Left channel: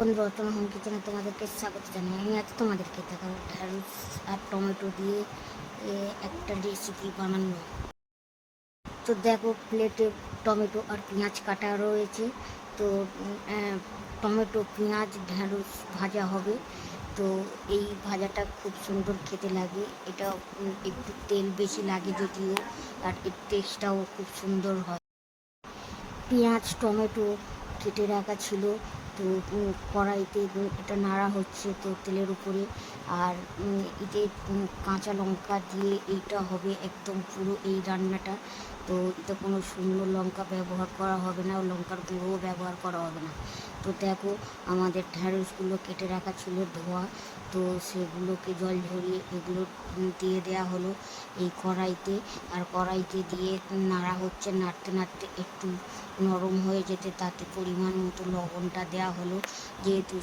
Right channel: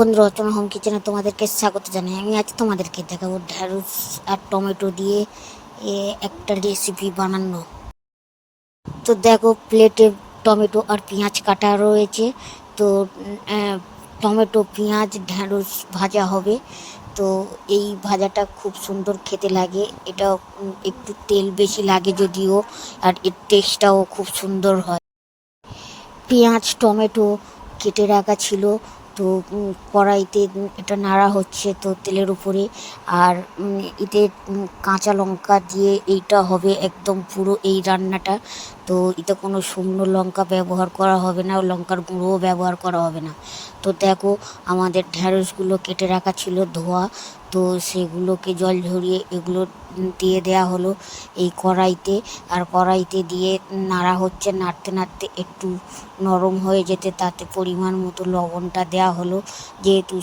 বন্ধুরা, অচেনা হোম কিচেনে তোমাদেরকে স্বাগত জানাই। আমি আজ তোমাদেরকে দেখাবো ঢ্যাঁড়স আর টমেটো দিয়ে একটা রেসিপি বানানো। তো দেখো, প্লেটে টমেটো আর পেঁয়াজ কাটা রয়েছে। তো টমেটো, পেঁয়াজ, ঢ্যাঁড়স ভাজা হবে। তো এই ভাজাটা খুব সুন্দর খেতে লাগে। এটা একটু তেল বেশি লাগে যদিও, আর এর টেস্টটাও খুব সুন্দর হয়। পেঁয়াজ, টমেটো কেটে রাখা ছিল। তো কড়াইতে এটা নাড়া হচ্ছে তো তেলের উপরে। আর এতে কাঁচা লঙ্কা দিয়ে এইটা হবে একদম পুরো এই রান্নাটা। তো এতে কোনো শুকনো লঙ্কা ব্যবহার করা হবে না, লঙ্কার গুঁড়োও ব্যবহার করা হবে না। তো দেখো, আমাদের ঢ্যাঁড়সগুলো কেটে রাখা ছিল ধোয়া। তো সেগুলোকে জল ঝরিয়ে এগুলো দিয়ে দেয়া হলো এই কড়াইতে। আর কড়াইতে দিয়ে নাড়া হচ্ছে, নাড়তে নাড়তে একটু নরম হয়ে যেতে তাতে পরিমাণ মতো লবণটা দেওয়া হলো। যেহেতু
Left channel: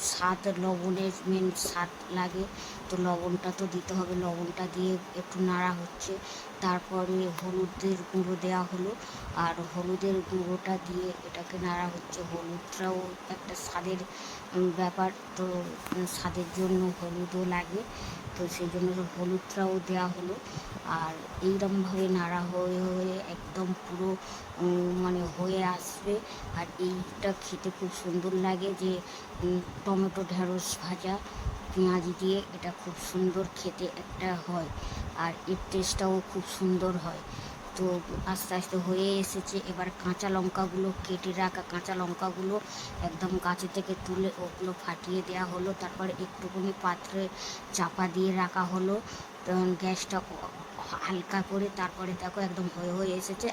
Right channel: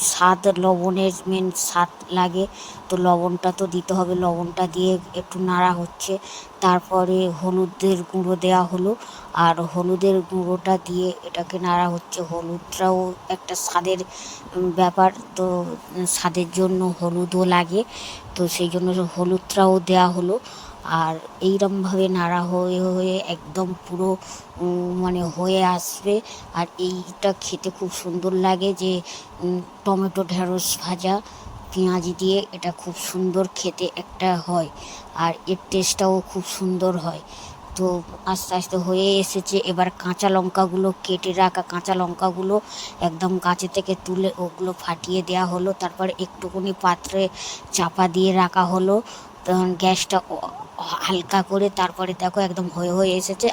লবণের মেন স্বাদ লাগে, তো লবণটা তো দিতে হবে। লবণটা দিয়ে একটু নাড়া হচ্ছে। তারপরে হলুদের গুঁড়ো দেওয়া হলো। আর হলুদের গুঁড়োটা দিয়ে এটাকে নাড়া হচ্ছে। হলুদটাও একটা স্বাদের ব্যাপার। তো স্বাদের জন্য হলুদও লাগে, তো সেই জন্য হলুদটাও দেওয়া হলো। আর এইরকমভাবে নাড়া হয়ে হয়ে একদম পুরো মানে হয়ে আসবে। আর এইটা খেতে খুব সুন্দর লাগে, যে টমেটো ঢ্যাঁড়স ভাজা পেঁয়াজ দিয়ে এটা খুব সুন্দর খেতে একটা হয়। আর এর টেস্টটাও খুব সুন্দর হয়। তো আস্তে আস্তে হয়ে এসেছে। এবার কাঁচা লঙ্কাগুলো, কেটে রাখা কাঁচা লঙ্কাগুলো একদম গাছে থেকে তুলে ওগুলো ফাটিয়ে দেওয়া হলো। তারপরে একটুখানি পাত্রে চাপা দিয়ে রাখা হলো, গ্যাসটা হালকা করে। তারপরে দেখো একদম হয়ে হয়ে এসেছে।